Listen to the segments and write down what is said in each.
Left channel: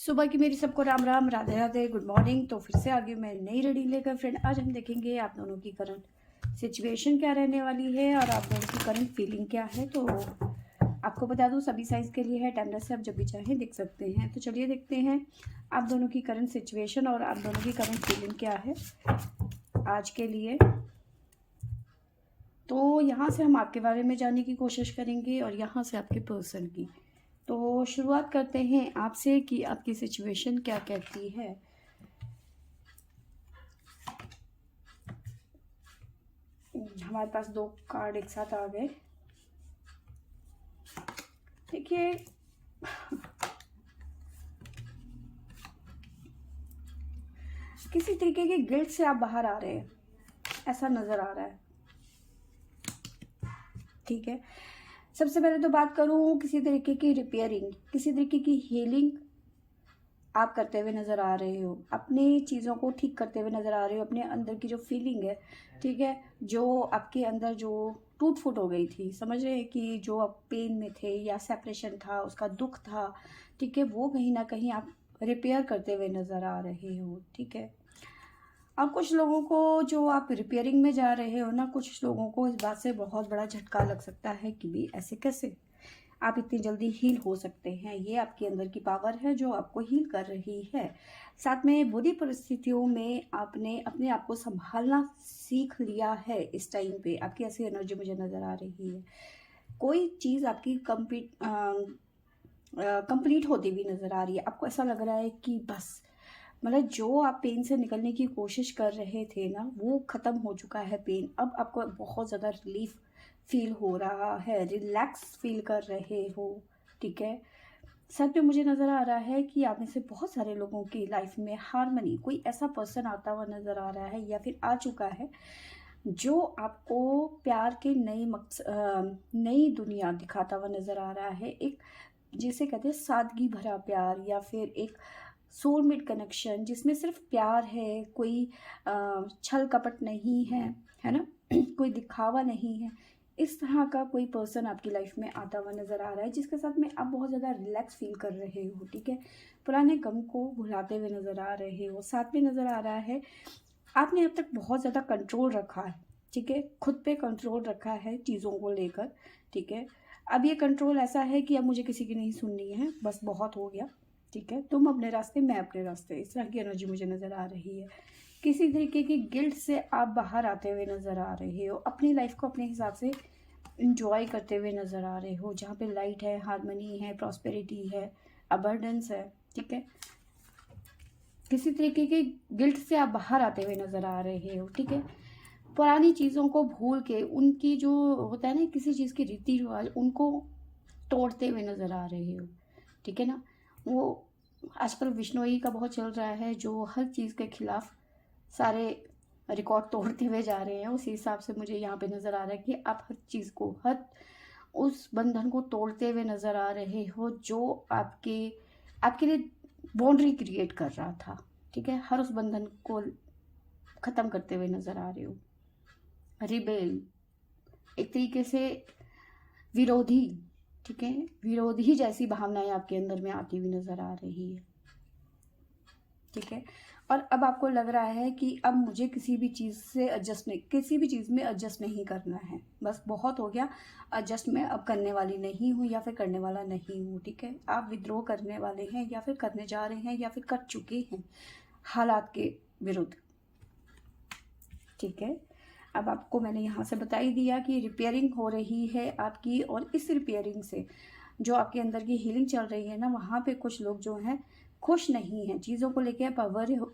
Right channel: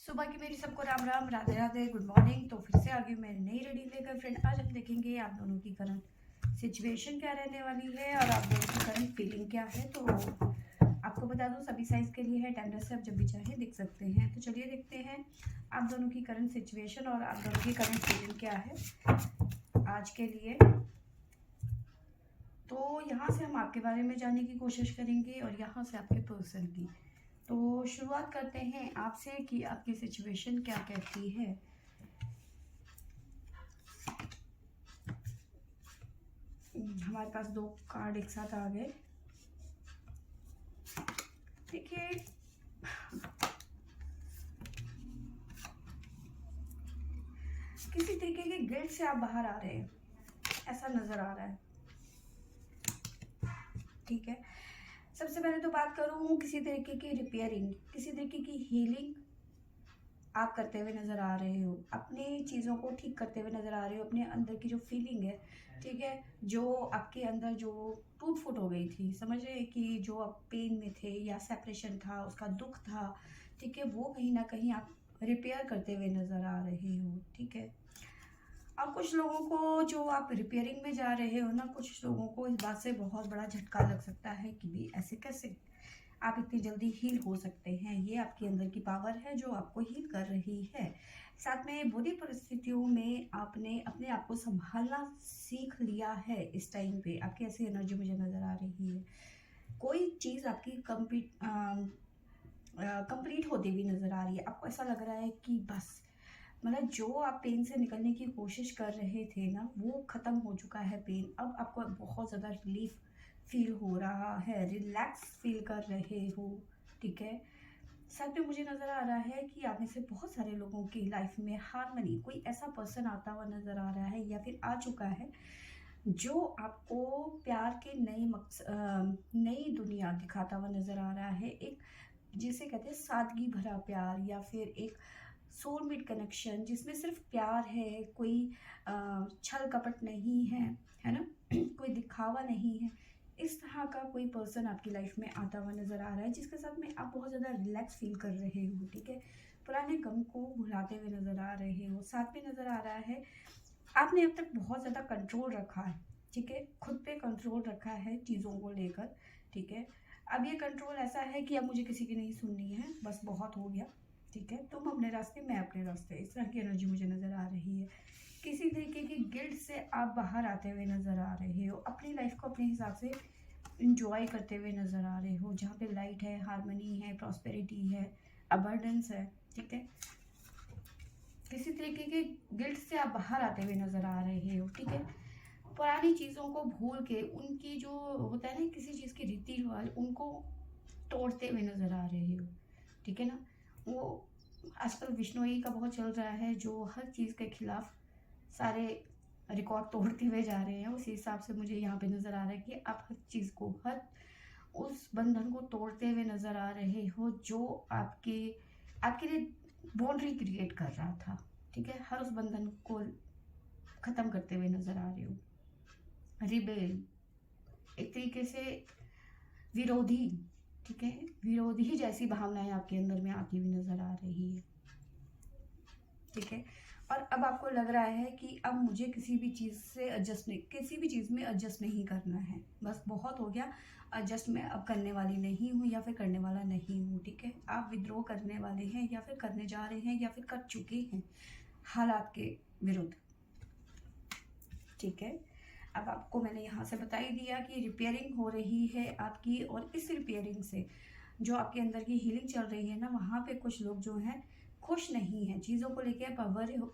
सुबह की मेरी सबको राम राम, राधे राधे, गुड मॉर्निंग। तो फिर से आ गई मैं नई रीडिंग लेकर फ्रेंड। आज हम देखेंगे आप दोनों की करंट सिचुएशन क्या रहने वाली है और आप दोनों की करंट फीलिंग क्या है। तो आपको बता दूं सभी साइज के लिए है, टेंडर से आप जब भी चाहें देख सकते हैं। तो चलिए देखते हैं आप दोनों की करंट सिचुएशन और आप दोनों की करंट फीलिंग क्या है आज के लिए। तो यहाँ से हम आपके बारे में जानने की कोशिश करेंगे और यहाँ से आपके पर्सन की। तो शुरुआत करते हैं आपसे कि आपकी सिचुएशन क्या कहती है। हमारे पास दो कार्ड एक साथ आ गए। देखिए, किसी तरीके के गिल्ट से आप बाहर आ रहे हैं, ऐसा नजर आ रहा है। ठीक है, सबसे पहले तो बात करूं, किसी तरीके की रिपेयरिंग, किसी तरीके की हीलिंग आप करते हुए नज़र आ रहे हो। अपनी चीज़ों को ठीक करते हुए नज़र आ रहे हो। अपने अंदर की जो फीलिंग है, ठीक है, जो आपके अंदर जो टूट फूट हो गई थी, समझ रहे हैं कि जो आप पेन में थे या सेपरेशन था, उसका दुख था, ठीक है, वो कहीं ना कहीं आप रिपेयर करते हुए नज़र आ रहे हो। ठीक है, और कुछ लोगों को जो आप रिपेयरिंग में जा रहे हो ना, कुछ लोगों को इस बात से बहुत बड़ा झटका लग सकता है कि भी ऐसे कैसे आप इतनी जल्दी हील हो सकते हैं। ये आपके अंदर की पावर है जो आपको हील कर रही है। साथ में बुरी परिस्थितियों में आपने अपने आप को संभालना सीख लिया है। इस टाइम पे आपकी ऐसी एनर्जी मुझे नज़र आ रही है। कोई चीज़ आपकी कंप्लीट होती हुई नज़र आ रही है। आपको ऐसा लग रहा है कि बस, मतलब जो आप पेन से निकलने की कोशिश कर रहे थे ना, वो ख़त्म हो चुका है पेन। अब आपको बहुत ज़्यादा रिलीफ फील हो रहा है, रिलैक्स फील कर रहे हो। ठीक है, सच में मुझे नज़र आ रहा है कि आप में से बहुत सारे लोगों की लाइफ में हारमनी, कोई ऐसा पर्सन आता हुआ नज़र आ रहा है या फिर आ चुका है जो आपको प्यार के नई दुनिया दिखाता हुआ नज़र आ रहा है। एक जिसे कहते हैं सादगी भरा प्यार, या फिर एक सोलमेट कनेक्शन जिसमें सिर्फ प्यार है, कोई छल कपट नहीं है ना, कोई दिखावा नहीं है। इस तरह का कोई पर्सन आपकी लाइफ में आता हुआ नज़र आ रहा है, जिसके साथ में आप बहुत ज़्यादा रिलैक्स फील कर रहे हो। ठीक है, पुराने गम को भुलाते हुए नज़र आ रहे हो। साथ में नज़र आ रहा है आपने अब तक बहुत ज़्यादा कंट्रोल रखा है। ठीक है, खुद पे कंट्रोल रखा है चीज़ों को लेकर। ठीक है, अब ये कंट्रोल ऐसा है कि अब मुझे किसी की नहीं सुननी है, बस बहुत हो गया। ठीक है, तुम अपने रास्ते, मैं अपने रास्ते, इस तरह की एनर्जी मुझे नज़र आ रही है। किसी तरीके की गिल्ट से आप बाहर आते हुए नज़र आ रहे हो। अपनी लाइफ को अपने हिसाब से इंजॉय करते हुए नज़र आ रहे हो, जहाँ पे लाइट है, हारमनी है, प्रॉस्पेरिटी है, अबंडेंस है। ठीक है, किसी तरीके के गिल्ट से आप बाहर आते हुए नज़र आ रहे हो। ठीक है, पुरानी चीज़ों को भूल के, उनकी जो होता है ना किसी चीज़ के रीति रिवाज, उनको तोड़ते हुए नज़र आ रहे हो। ठीक है ना, वो आजकल विश्नोई का बहुत चल रहा है, जो हर चीज़ के खिलाफ सारे रिकॉर्ड तोड़ते हुए जा रहे हैं। उसी हिसाब से मुझे यहाँ पे नज़र आ रहा है कि आप हर चीज़ को, हर उस बंधन को तोड़ते हुए नज़र आ रहे हो जो आपके आपके लिए बाउंड्री क्रिएट कर रहा था। ठीक है, हर उस बंधन को ख़त्म करते हुए नज़र आ रहे हो। रिबेल, एक तरीके से विरोधी। ठीक है, विरोधी जैसी भावनाएं आपके अंदर में आती हुई नज़र आ रही है। ठीक है, और अब आपको लग रहा है कि अब मुझे किसी भी चीज़ से एडजस्ट नहीं, किसी भी चीज़ में एडजस्ट नहीं करना है, बस बहुत हो गया। एडजस्ट मैं अब करने वाली नहीं हूँ या फिर करने वाला नहीं हूँ। ठीक है, आप विद्रोह करने वाले हैं या फिर करने जा रहे हैं या फिर कर चुके हैं हालात के विरुद्ध। ठीक है, अब आपको मैंने यहाँ से बता ही दिया कि रिपेयरिंग हो रही है आपकी, और इस रिपेयरिंग से जो आपके अंदर की हीलिंग चल रही है ना, वहाँ पे कुछ लोग जो हैं खुश नहीं हैं। चीज़ों को लेके आप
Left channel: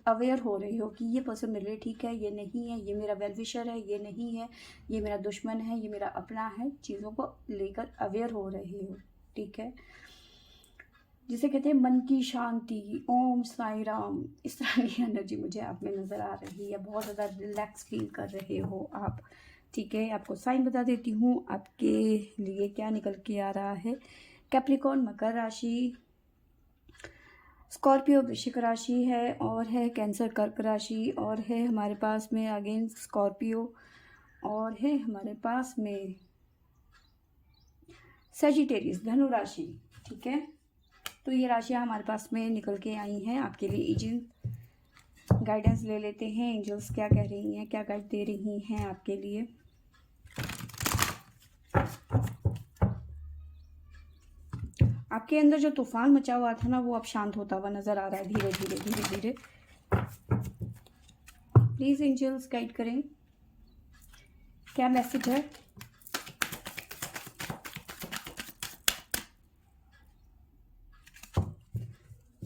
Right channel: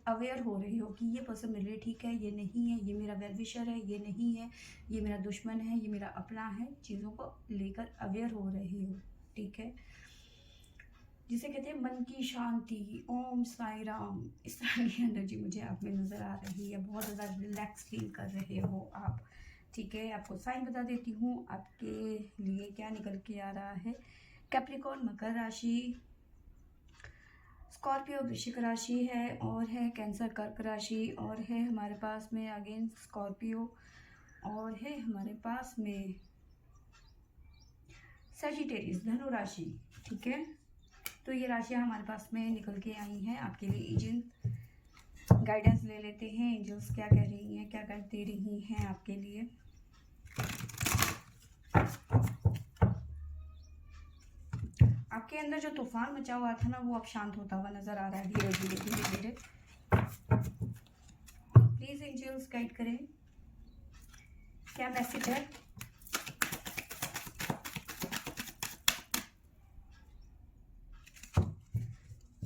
अवेयर हो रहे हो कि ये पर्सन मेरे लिए ठीक है, ये नहीं है, ये मेरा वेल विशर है, ये नहीं है, ये मेरा दुश्मन है, ये मेरा अपना है। चीज़ों को लेकर अवेयर हो रहे हो। ठीक है, जिसे कहते हैं मन की शांति, ओम साई राम, इस तरह की एनर्जी मुझे आप में नज़र आ रही है। बहुत ज़्यादा रिलैक्स फील कर रहे हो आप। ठीक है, आपको साइन बता देती हूँ आपके लिए क्या निकल के आ रहा है। कैप्रिकॉर्न मकर राशि, स्कॉर्पियो वृश्चिक राशि है, और है कैंसर कर्क राशि, और है हमारे पास में अगेन स्कॉर्पियो, और है हमारे पास में सेजिटेरियस धनु राशि। ठीक है, तो ये राशियाँ हमारे पास में निकल के आई हैं आपके लिए। एजेंट गाइडेंस ले लेते हैं, एंजल्स क्या कह रही हैं, क्या गाइड दे रही हैं आपके लिए। आपके अंदर जो तूफान मचा हुआ था ना, वो अब शांत होता हुआ नजर आ रहा है, धीरे धीरे धीरे धीरे। प्लीज एंजल्स गाइड करें, क्या मैसेज है।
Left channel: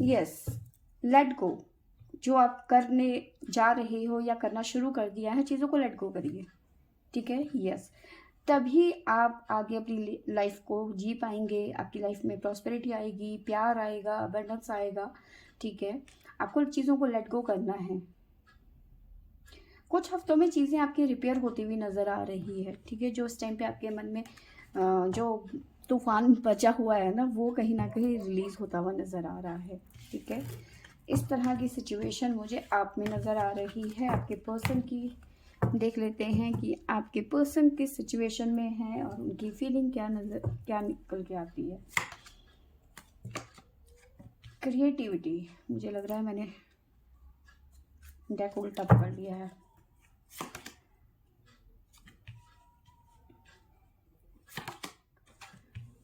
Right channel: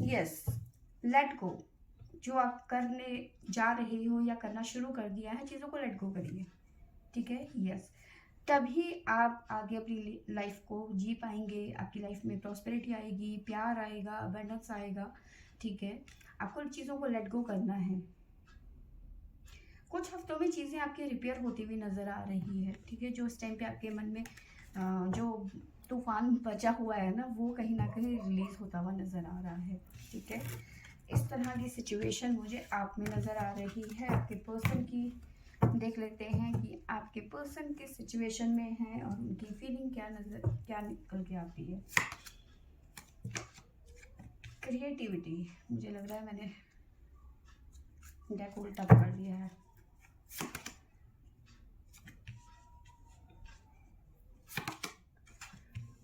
Yes, let go. जो आप करने जा रहे हो या करना शुरू कर दिया है, चीज़ों को लेट गो करिए, ठीक है। यस, तभी आप आगे अपनी लाइफ को जी पाएंगे। आपकी लाइफ में प्रॉस्पेरिटी आएगी, प्यार आएगा, अबंडेंस आएगा, ठीक है। आपको चीज़ों को लेट गो करना है। कुछ हफ्तों में चीज़ें आपकी रिपेयर होती हुई नज़र आ रही है, ठीक है। जो उस टाइम पे आपके मन में जो तूफान बचा हुआ है ना, वो कहीं ना कहीं रिलीज होता हुआ नज़र आ रहा है, ठीक है। इस तरह की सिचुएशन मुझे आप में नज़र आ रही है। आपके पर्सन की देख लेते हैं कि आपके पर्सन किस सिचुएशन में है और उनकी फीलिंग क्या निकल के आती है। क्रिएटिविटी, मुझे लग रहा है मैंने डेक उल्टा पकड़ लिया है।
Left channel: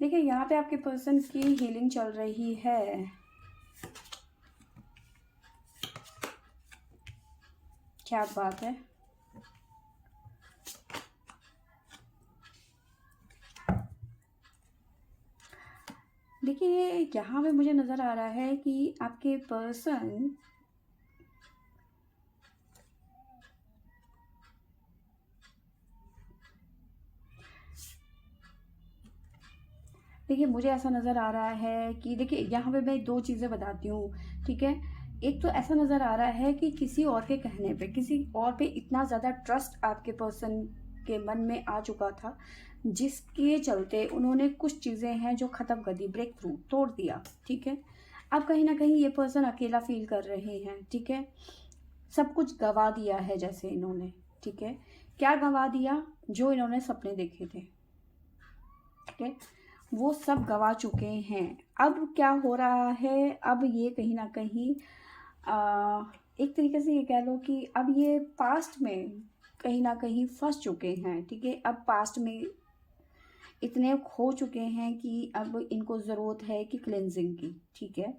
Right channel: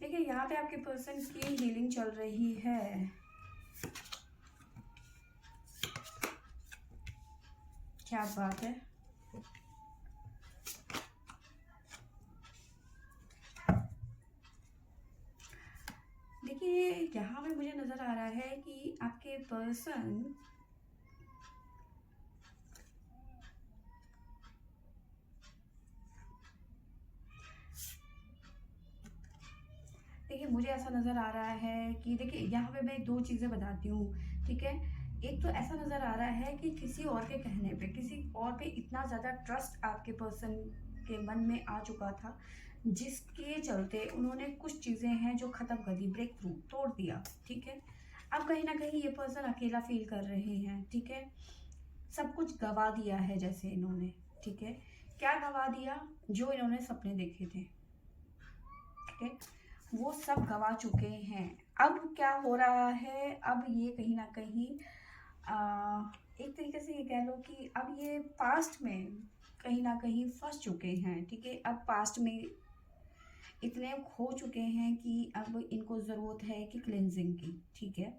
देखिए, यहाँ पे आपके पर्सन की हीलिंग चल रही है। क्या बात है। देखिए, यहाँ पे मुझे नज़र आ रहा है कि आपके पर्सन देखिए, मुझे ऐसा नज़र आ रहा है कि देखिए, यहाँ पे मैं दो चीज़ें बताती हूँ, ठीक है। एक तो ऐसा नज़र आ रहा है कि किसी और के कहने पे, किसी और पे इतना ज़्यादा ट्रस्ट आपके पर्सन के मन में आ चुका था, जिसके चलते उन्होंने कुछ चीज़ें हैं जो ख़त्म कर दी, ब्रेक थ्रू तोड़ दिया, ठीक है। अब कहीं ना कहीं ये पर्सन अकेला फील कर रहे हैं, ठीक है। सब कुछ गवा दिया है जैसे इन्होंने, ठीक है। क्या गवा दिया? जो इन्होंने सपने देखे थे, ठीक है, वो सब गवा चुके हैं। अब क्या हो रहा है, अब ये कहीं ना कहीं एक तरीके से ये कह लो कि अब ये पास्ट में कहीं ना कहीं फंस चुके हैं, ठीक है। अब पास्ट में इतने खो चुके हैं कि अब इनको ज़रूरत है कि क्लेंजिंग की, ठीक है,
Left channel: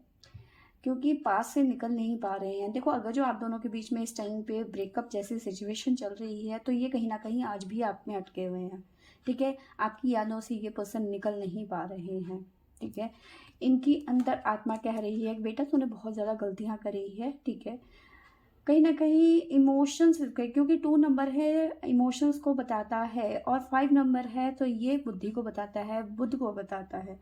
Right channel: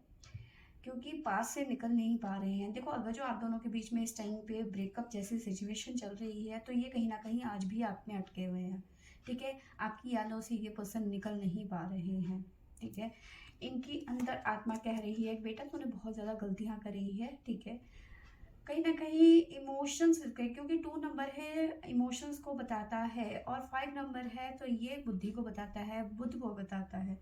क्योंकि पास से निकल नहीं पा रहे हैं। देखो, अगर जो आप दोनों के बीच में इस टाइम पे ब्रेकअप जैसी सिचुएशन चल रही है, तो ये कहीं ना कहीं आज भी आप में अटके हुए हैं, ठीक है। आपकी यादों से ये पर्सन निकल नहीं पा रहे हैं, ठीक है। इनकी अंदर आत्मा कह रही है, बेटा तूने बहुत ज़्यादा गलतियाँ करी है, ठीक है। कहीं ना कहीं इमोशंस, क्योंकि 2 नंबर है, इमोशंस को बताता है, और 5 नंबर है तो ये बुद्धि को बताता है, बुद्ध को बताता है।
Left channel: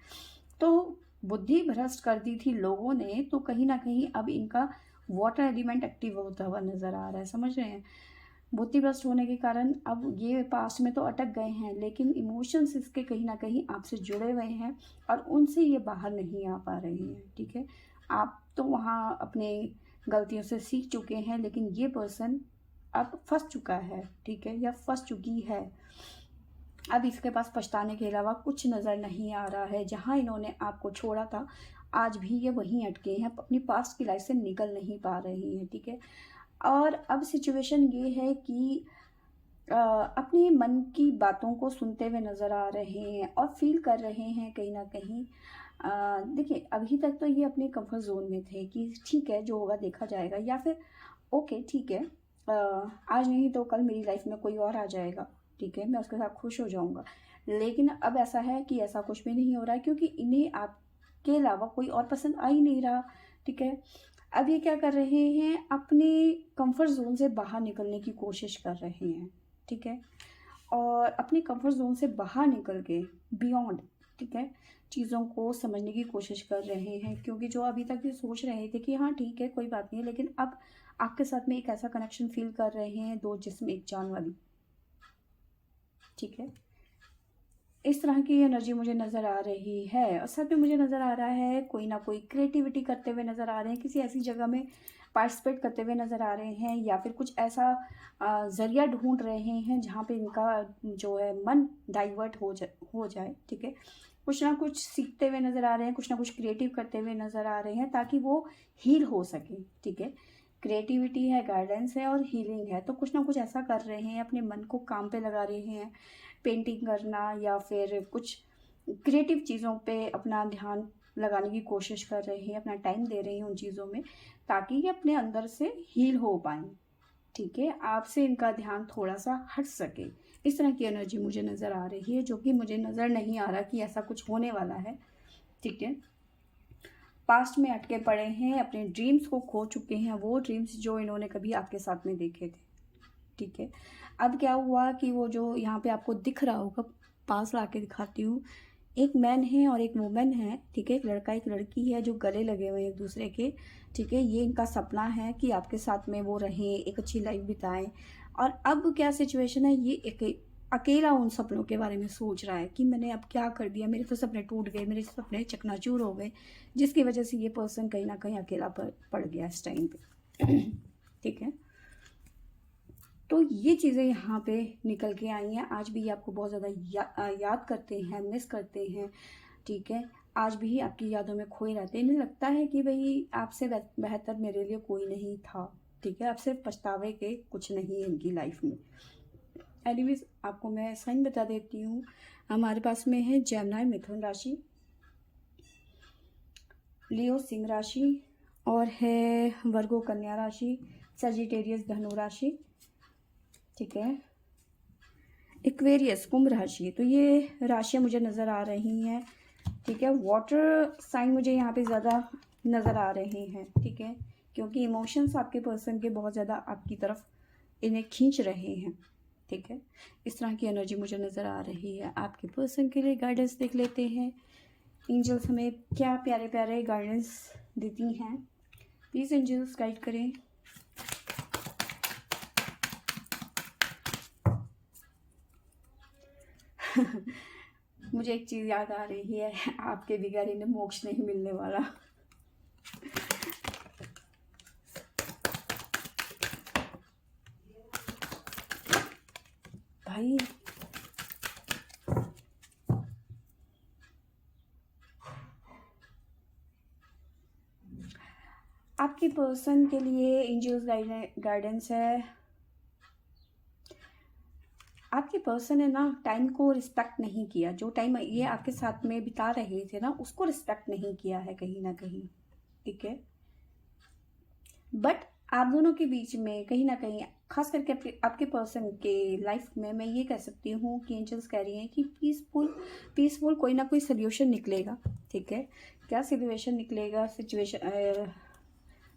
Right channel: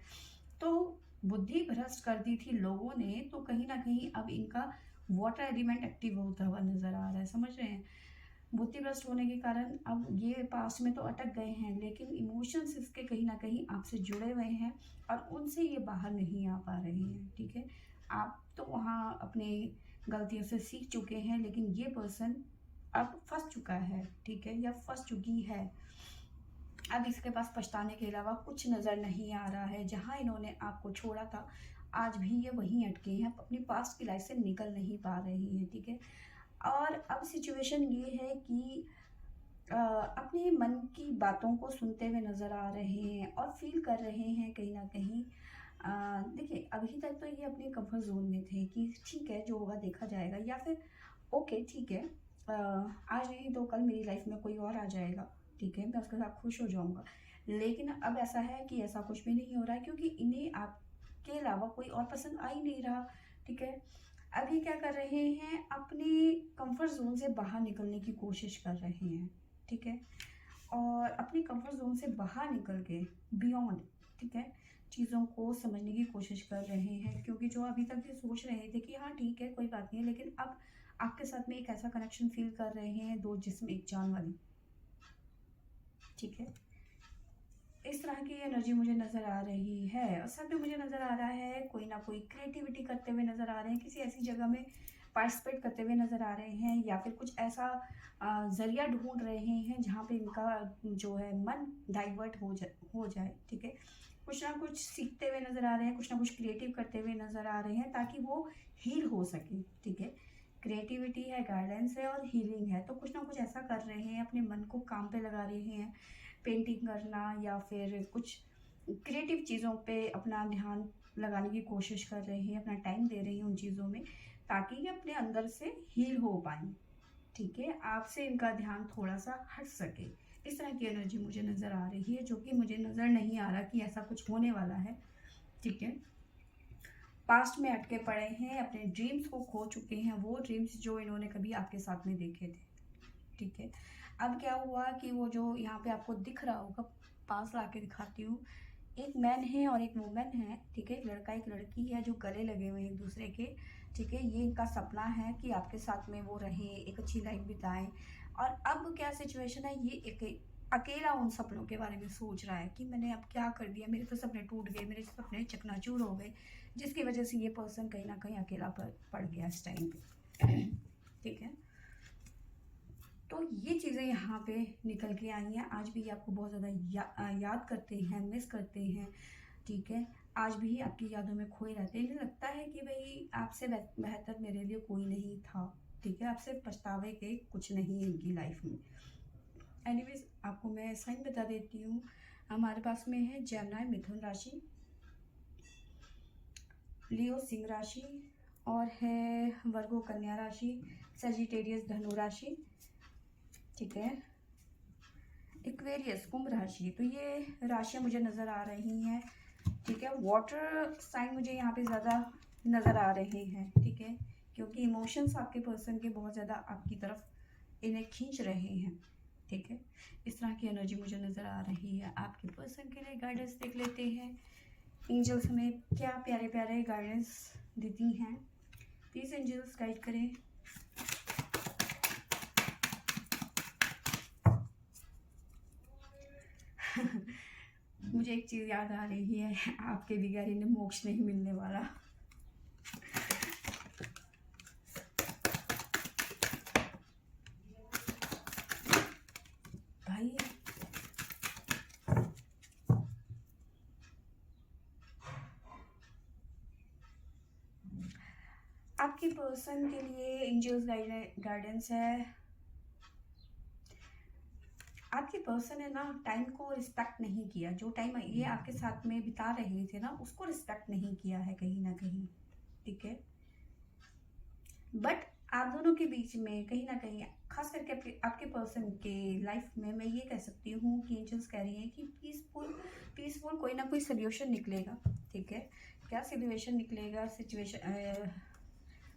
तो बुद्धि भ्रष्ट कर दी थी लोगों ने, तो कहीं ना कहीं अब इनका वाटर एलिमेंट एक्टिव होता हुआ नजर आ रहा है, समझ रहे हैं। बुद्धि भ्रष्ट होने के कारण अब ये पास्ट में तो अटक गए हैं, लेकिन इमोशंस इसके कहीं ना कहीं आपसे जुड़े हुए हैं और उनसे ये बाहर नहीं आ पा रहे हैं, ठीक है। आप तो वहाँ अपने गलतियों से सीख चुके हैं, लेकिन ये पर्सन अब फंस चुका है, ठीक है, या फंस चुकी है। अब इसके पास पछताने के अलावा कुछ नज़र नहीं आ रहा है। जहाँ इन्होंने आपको छोड़ा था, आज भी ये वहीं अटके हैं, अपनी पास्ट की लाइफ से निकल नहीं पा रही हैं, ठीक है। और अब सिचुएशन ये है कि अपने मन की बातों को सुनते हुए नज़र आ रहे हैं और फील कर रहे हैं कहीं ना कहीं। देखिए, अभी तक तो ये अपने कंफर्ट जोन में थे कि ठीक है, जो होगा देखा जाएगा, या फिर ओके ठीक है, आज नहीं तो कल मेरी लाइफ में कोई और आ जाएगा, ठीक है, मैं उसके साथ खुश हो जाऊंगा। लेकिन अब ऐसा है कि ऐसा कुछ भी नहीं हो रहा है, क्योंकि इन्हें आपके अलावा कोई और पसंद आ ही नहीं रहा, ठीक है। अब ये क्या कर रहे हैं, अपने कंफर्ट जोन से बाहर निकलने की कोशिश कर रहे हैं, ठीक है। और अपने कंफर्ट जोन से बाहर निकल के बियॉन्ड, ठीक है, चीज़ों को समझने की कोशिश कर रहे हैं। क्योंकि जो अभी तक ये सोच रहे थे कि हाँ ठीक है कोई बात नहीं, लेकिन अब आपके साथ में एक ऐसा कनेक्शन फील कर रहे हैं, दो जिस्म एक जान वाली, ठीक है। इस तरह की एनर्जी मुझे नज़र आ रही है। और साथ में मुझे नज़र आ रहा है कोई ना कोई क्रिएटिविटी करते हुए नज़र आ रहे हैं, किसी ऐसी जगह में पार्टिसिपेट करते हुए नज़र आ रहे हैं, या फिर कुछ ऐसा ज़रिया ढूंढ रहे हैं जहाँ पे इनका जो है मन डाइवर्ट हो जाए, ठीक है। कुछ ना कुछ सीखते हुए नज़र आ रहे हैं, कुछ ना कुछ क्रिएटिव करते हुए नज़र आ रहे हैं ताकि वो हील हो सके। ठीक है, क्रिएटिविटी है, गाइडेंस है और हीलिंग है, तो कुछ ना कुछ ऐसा कर रहे हैं, अपने मन को काम पे लगा रहे हैं, पेंटिंग करना या फिर कुछ क्रिएटिव चीज़ों पे अपना ध्यान लगाने की कोशिश कर रहे हैं, अपना टाइम दे रहे हैं उन चीज़ों में ताकि ये अपने अंदर से हील हो पाएँ। ठीक है, आपसे इनका ध्यान थोड़ा सा हट सके, इस तरह की एनर्जी मुझे नज़र आ रही है, जो कि मुझे नज़र नहीं आ रहा कि ऐसा कुछ होने वाला है। ठीक है, पास्ट में अटके पड़े हैं, अपने ड्रीम्स को खो चुके हैं, वो ड्रीम्स जो इन्होंने कभी आपके साथ में देखे थे। ठीक है, अब क्या हुआ कि वो जो यहाँ पे आपको दिख रहा होगा, पास ला के दिखाती हूँ, एक मैन है और एक वुमेन है। ठीक है, एक लड़का एक लड़की है जो गले लगे हुए हैं एक दूसरे के। ठीक है, ये इनका सपना है कि आपके साथ में वो रहें, एक अच्छी लाइफ बिताएं। और अब क्या सिचुएशन है, ये एक अकेला उन सपनों के बारे में सोच रहा है कि मैंने अब क्या कर दिया, मेरे तो सपने टूट गए, मेरे सपने चकनाचूर हो गए, जिसकी वजह से ये पर्सन कहीं ना कहीं अकेला पड़ गया इस टाइम पे। ठीक है, तो ये चीज़ें यहाँ पे निकल के आई हैं। आज भी ये आपको बहुत ज़्यादा याद करते हैं, मिस करते हैं। ठीक है, आज भी आपकी यादों में खोए रहते हैं। इन्हें लगता है कि भाई आपसे बेहतर मेरे लिए कोई नहीं था। ठीक है, आपसे पछतावे के कुछ नहीं है इनकी लाइफ में। एनीवेज, आपको मैं साइन बता देती हूँ। हमारे पास में है जेमिनी मिथुन राशि, लियो सिंह राशि और है वर्गो कन्या राशि, सजिटेरियस धनु राशि। ठीक है, एक्वेरियस कुंभ राशि। तो ये राशियाँ मुझे नज़र आ रही हैं। ठीक है, वाटर साइन मुझे यहाँ पे ज़्यादा नज़र आ रहे हैं। ठीक है, क्योंकि इमोशंस आपके पर्सन के बहुत ज़्यादा आपकी तरफ इन्हें खींच रहे हैं। ठीक है, इस तरह की एनर्जी मुझे नज़र आ रही है। आपके पर्सन के लिए गाइडेंस देख लेते हैं, एंजल्स हमें क्या प्यारे प्यारे गाइडेंस देती हैं। प्लीज़ एंजल्स गाइड करें। मुझे एक चीज़ याद आ रही है, आपके बिगाड़ी ने मोक्ष नहीं मिलने वाला। भाई आपकी पर्सन के लिए एंजल्स गाइडेंस है, आपकी पर्सन है ना टाइम को रिस्पेक्ट नहीं किया। जो टाइम ये आपके साथ में बिता रहे थे ना, उसको रिस्पेक्ट नहीं किया है कहीं ना कहीं। ठीक है, बट आप दोनों के बीच में कहीं ना कहीं, खास करके आपके पर्सन के लाइफ में, मैं ये कह सकती हूँ कि एंजल्स कह रही हैं कि पीसफुल कोई ना कोई सोल्यूशन निकलेगा। ठीक है, क्या सोल्यूशन निकलेगा,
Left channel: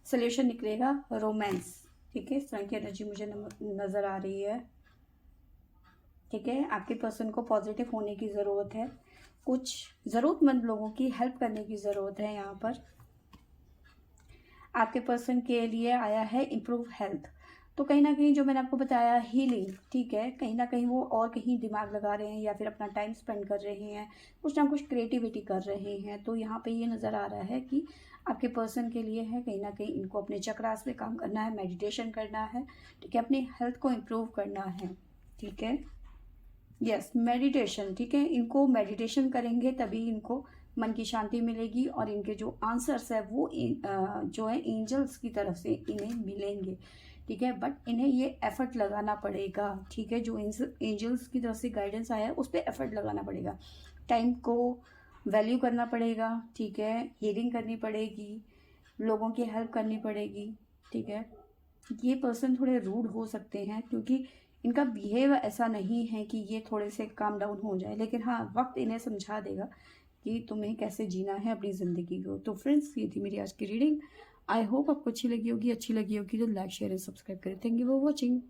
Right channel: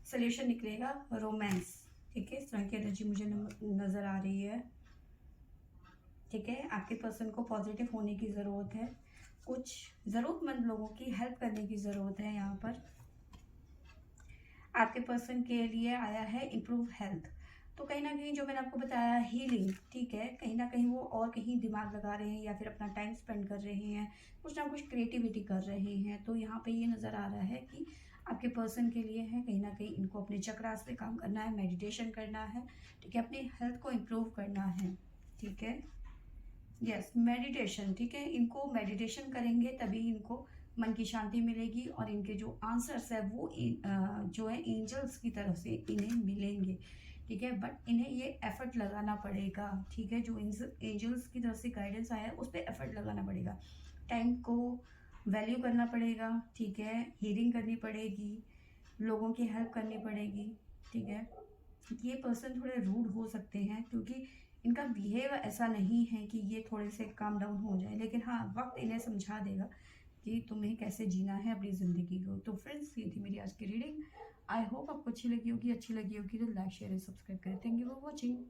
सोल्यूशन निकलेगा रोमांस। ठीक है, इस तरह की एनर्जी मुझे नज़र आ रही है। ठीक है, आपके पर्सन को पॉजिटिव होने की ज़रूरत है, कुछ ज़रूरतमंद लोगों की हेल्प करने की ज़रूरत है। यहाँ पर आपके पर्सन के लिए आया है इम्प्रूव हेल्थ, तो कहीं ना कहीं जो मैंने आपको बताया हीलिंग। ठीक है, कहीं ना कहीं वो और कहीं दिमाग लगा रहे हैं या फिर अपना टाइम स्पेंड कर रहे हैं, कुछ ना कुछ क्रिएटिविटी कर रहे हैं। तो यहाँ पे ये नज़र आ रहा है कि आपके पर्सन के लिए है कहीं ना कहीं इनको अपने चक्रास पे काम करना है, मेडिटेशन करना है। ठीक है, अपनी हेल्थ को इम्प्रूव करना है। ठीक है, यस मेडिटेशन। ठीक है, इनको मेडिटेशन करेंगे तभी इनको मन की शांति मिलेगी और इनके जो आंसर्स है वो जो है एंजल्स की तरफ से इन्हें मिलेंगे। ठीक है, बट इन्हें ये एफर्ट लगाना पड़ेगा। ठीक है, जो एंजल्स की तरफ से गाइडेंस आया है उस पर एफर्ट लगाना पड़ेगा, टाइम को वैल्यू करना पड़ेगा। ठीक है, हीलिंग करनी पड़ेगी, लोगों की हेल्प करनी पड़ेगी। ठीक है, ये पर्सन थोड़े रूड हो सकते हैं क्योंकि इनका बिहेव ऐसा नहीं है कि ये थोड़े से काम डाउन हो जाए, लेकिन हाँ वक्त इन्हें समझा देगा कि तुम्हें कैसे जीना है अपनी ज़िंदगी को। तो फ्रेंड्स, ये थी मेरी आज की रीडिंग। आई होप आपको अच्छी लगी होगी तो लाइक शेयर एंड सब्सक्राइब करें। Thank you for watching.